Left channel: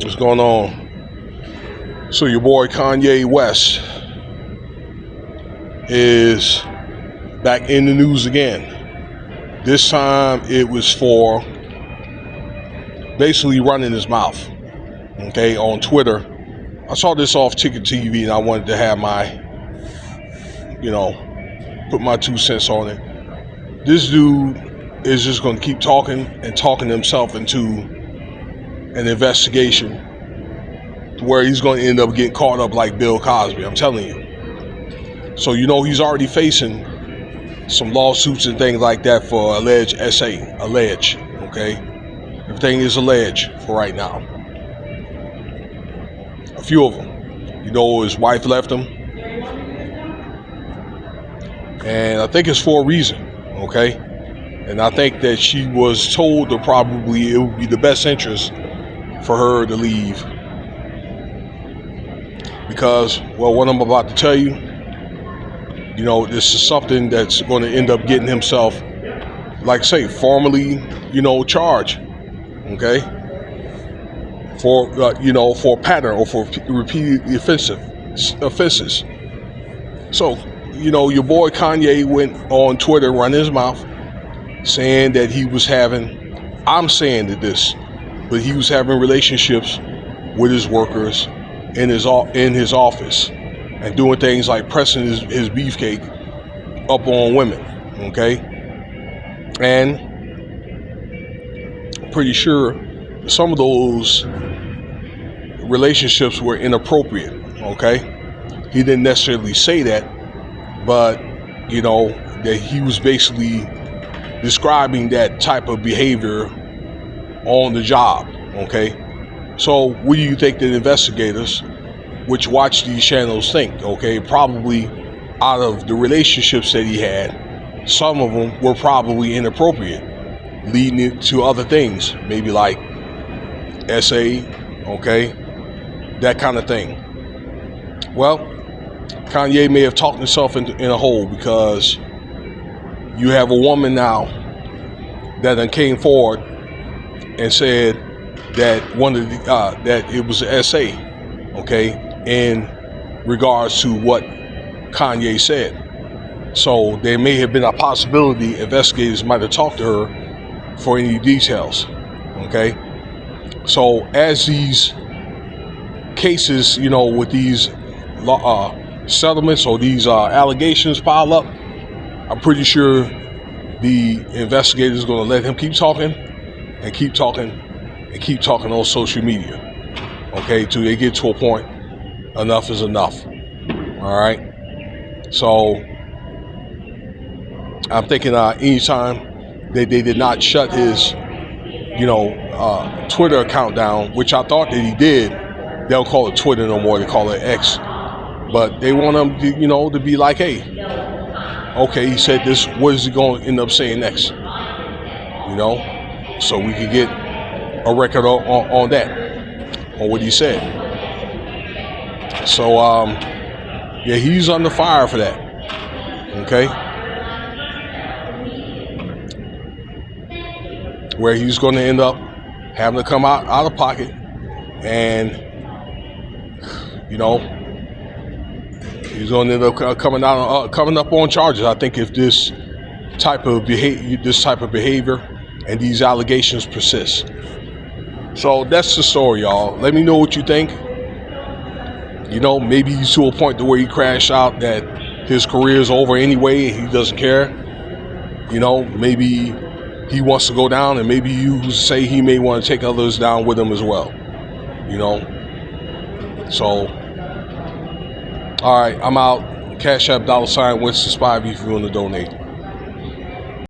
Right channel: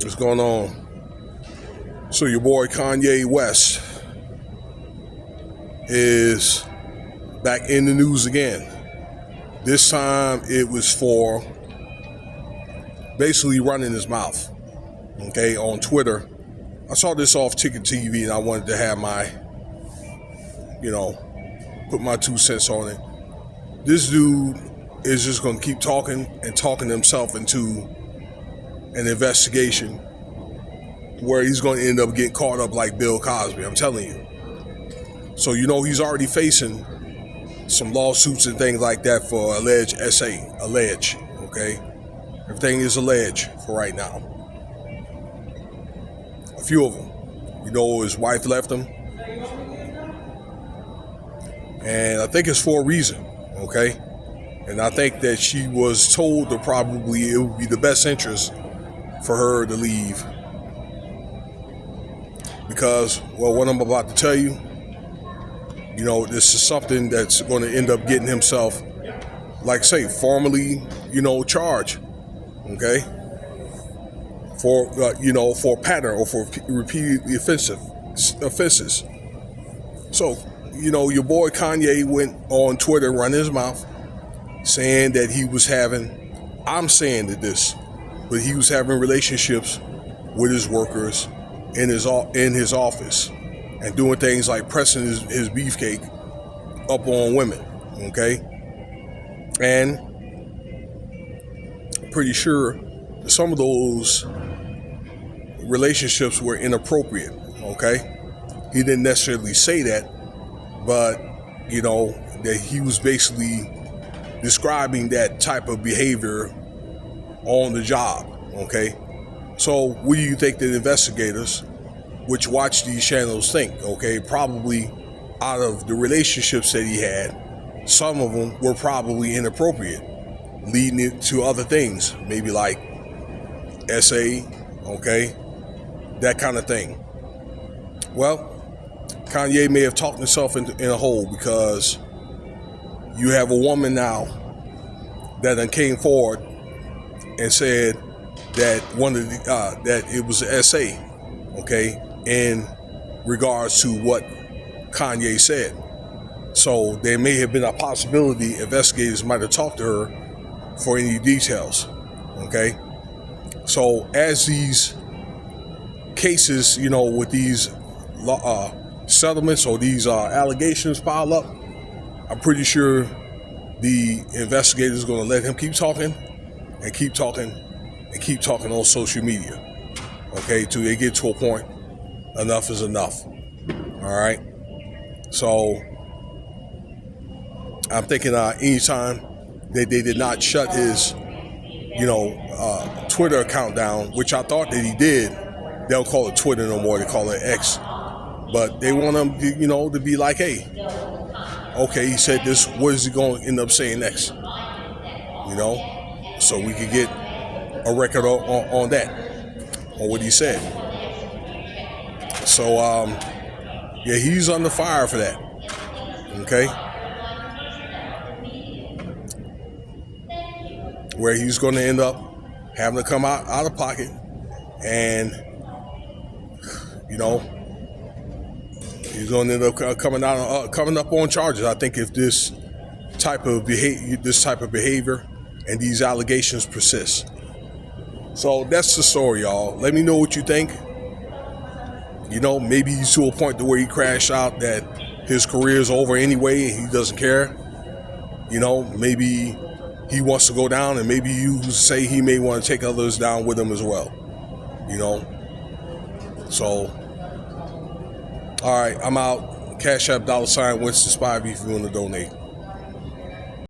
What's going on? So your boy Kanye West is back in the news again. This time it was for basically running his mouth, okay, on Twitter. I saw this off Ticket TV and I wanted to have my, put my 2 cents on it. This dude is just going to keep talking and talking himself into an investigation where he's going to end up getting caught up like Bill Cosby. I'm telling you. So he's already facing some lawsuits and things like that for alleged alleged, okay? Everything is alleged for right now. A few of them. His wife left him. And I think it's for a reason, okay? And I think that she was told that probably it would be the best interest for her to leave. Because, what I'm about to tell you, this is something that's going to end up getting himself, like I say, formally, charged, okay? For, for a pattern or for repeated offenses. So, your boy Kanye went on Twitter running his mouth saying that he was having, I'm saying that this, but he was having relationships with his workers in his office and doing things like pressing his beefcake up on women, okay? And pretty sure some of those relationships were inappropriate, okay? He didn't necessarily say that, but, that he was basically describing that type of behavior on the job, okay? So what do you think that investigators which watch these channels think, okay? Probably out of the relationships that he had, some of them were probably inappropriate, leading it to other things, maybe like SA, okay? That kind of thing. Well, Kanye may have talked himself in a hole because you have a woman now that then came forward and said that that it was an SA, okay, in regards to what Kanye said. So there may have been a possibility investigators might have talked to her for any details, okay? So as these cases, with these settlements or these allegations pile up, I'm pretty sure the investigators are going to let him keep talking and keep talking and keep talking on social media, okay, till they get to a point, enough is enough, all right? So I'm thinking anytime they did not shut his, Twitter account down, which I thought that he did, they don't call it Twitter no more, they call it X, but they want him to, to be like, hey, okay, he said this, what is he going to end up saying next? So we could get a record on that, on what he said. So, he's under fire for that, okay? Where he's going to end up having to come out of pocket and, he's going to end up coming up on charges. I think if this type of behavior and these allegations persist. So that's the story, y'all. Let me know what you think. Maybe he's to a point to where he crashed out that his career is over anyway and he doesn't care. Maybe he wants to go down, and maybe you say he may want to take others down with him as well. So, all right, I'm out. Cash App $Winston Spivey if you want to donate.